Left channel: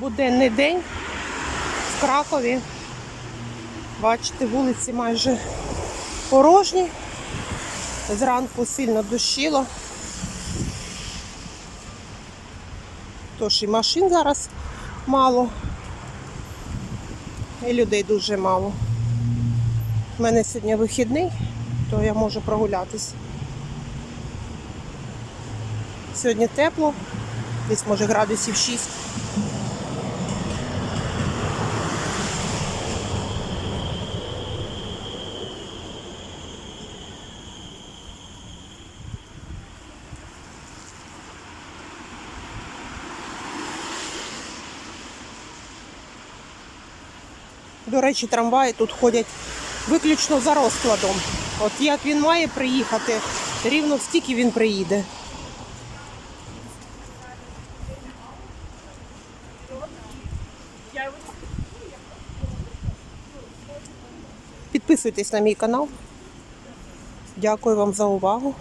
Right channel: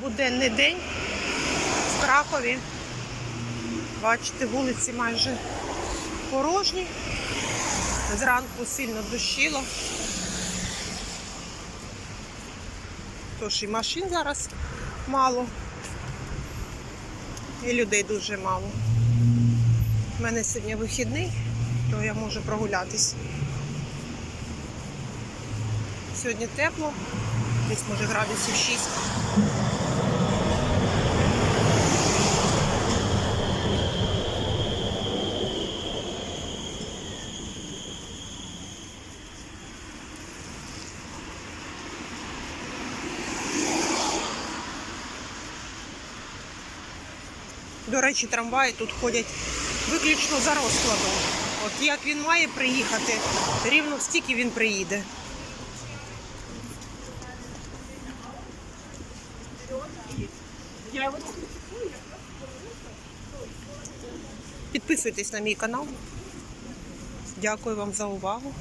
буденний день в Кракові. Бачите, вулиці майже порожні. Зранку сильно дощило. Тож і машин зараз мало. І людей дуже мало. У мене сьогодні вихідний, то я можу прогулятись. Сьогодні тепло, десь може градусів 6. До речі, трамваї тут ходять виключно за розкладом. От як він має приїхати, рівно стільки він приїде. Підписуйтесь на мій канал. Дякую вам за увагу.